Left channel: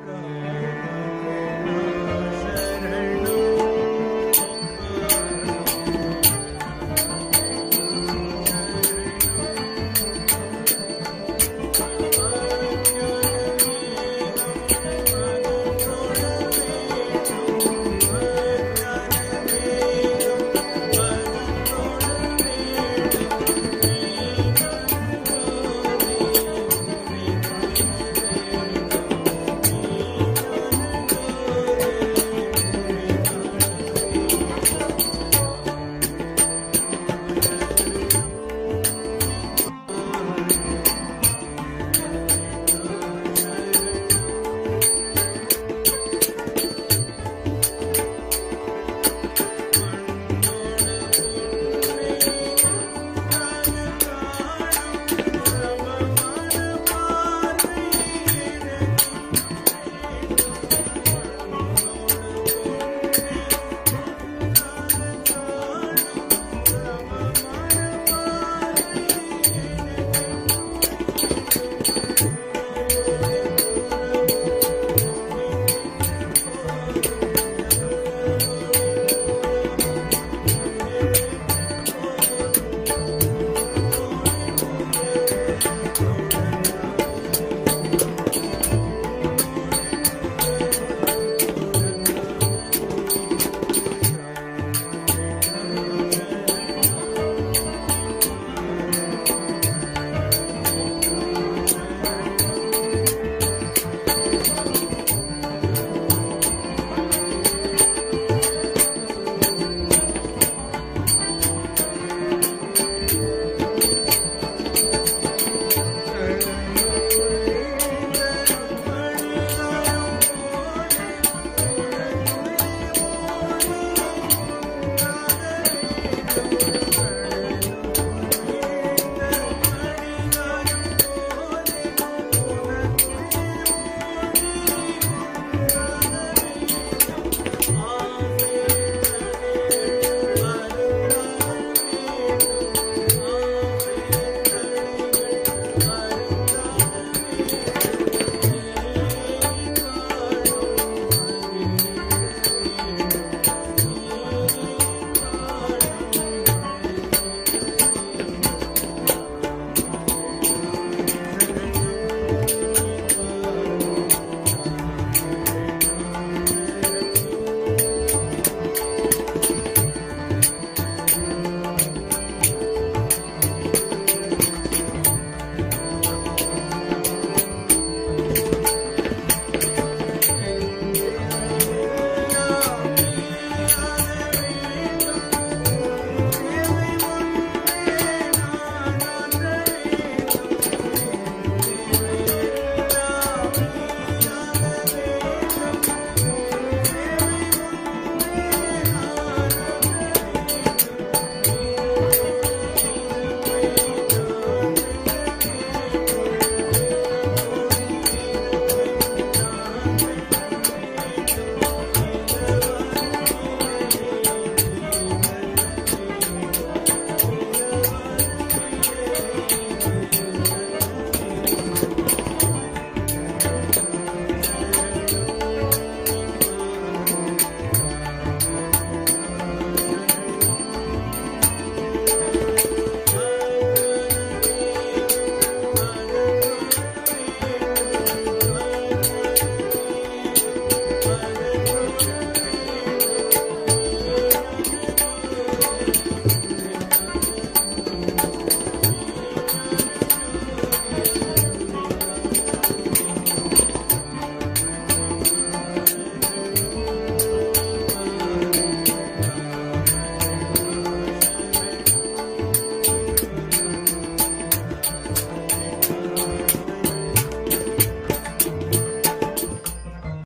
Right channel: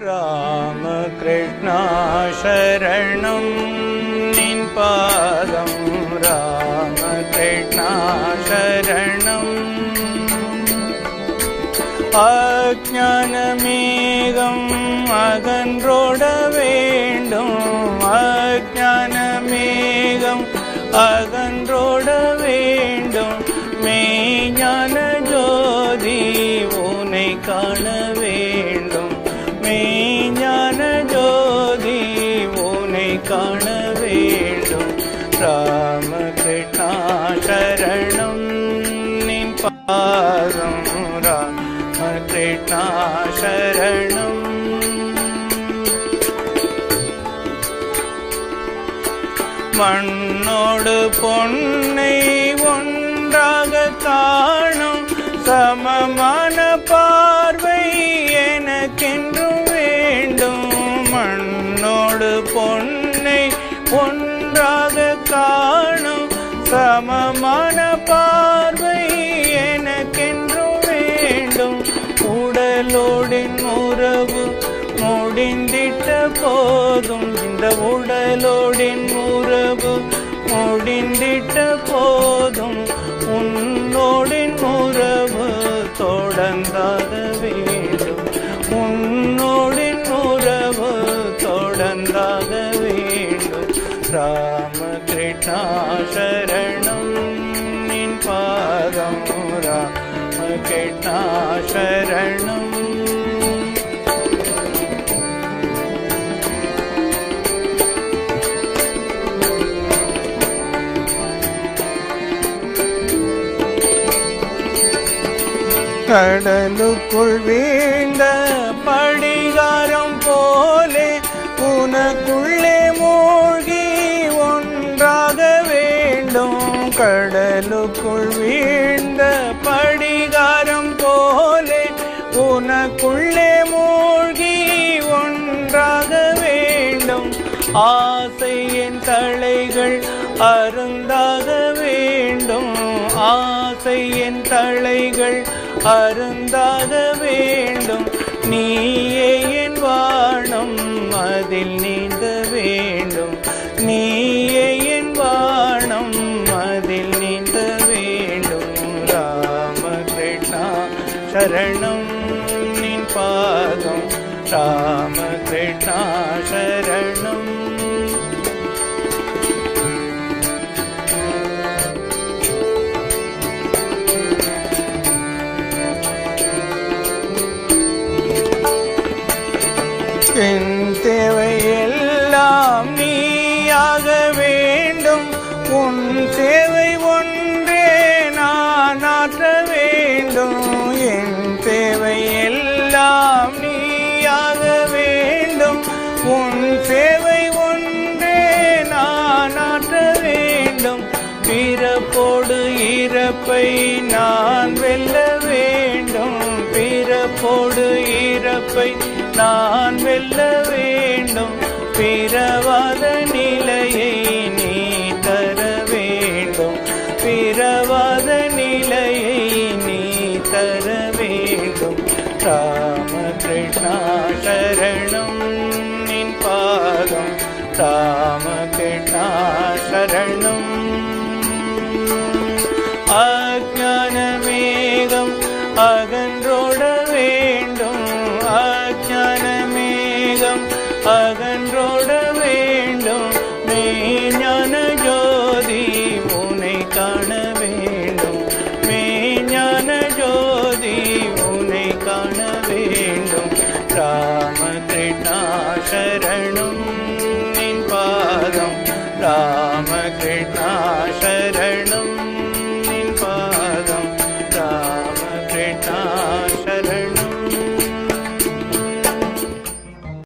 ராமகிருஷ்ணா ராமகிருஷ்ணா சரணம் மண்ணோடு பொன்னை போதும். இந்த உடலோடின் உறவு முடிந்திட்ட போதும். உன்னோடின் உறவு தொடர்ந்தாத வேண்டும். உன்னோடின் உறவு தொடர்ந்தாத வேண்டும். ராமகிருஷ்ணா கடலுக்குள் வீழ்ந்த படிகாரம் போலே உனக்குள்ளே மூழ்கி ஒன்றாக வேண்டும். கடலுக்குள் வீழ்ந்த படிகாரம் போலே உனக்குள்ளே மூழ்கி ஒன்றாக வேண்டும். ஆசையின் தலைகள் அருந்தாக வேண்டும். ஆசையின் தலைகள் அருந்தாக வேண்டும். நீயே என் வானம் அதில் நீந்த வேண்டும். நீயே என் வானம் அதில் நீந்த வேண்டும். ராமகிருஷ்ணா சரணம் நின் பாதம். ரா என் தேவையெல்லாம் நீயாக வேண்டும். உன் தேவை ஒன்றே நான் ஆற்ற வேண்டும். என் தேவையெல்லாம் நீயாக வேண்டும். உன் வேண்டும் ராமகிருஷ்ணா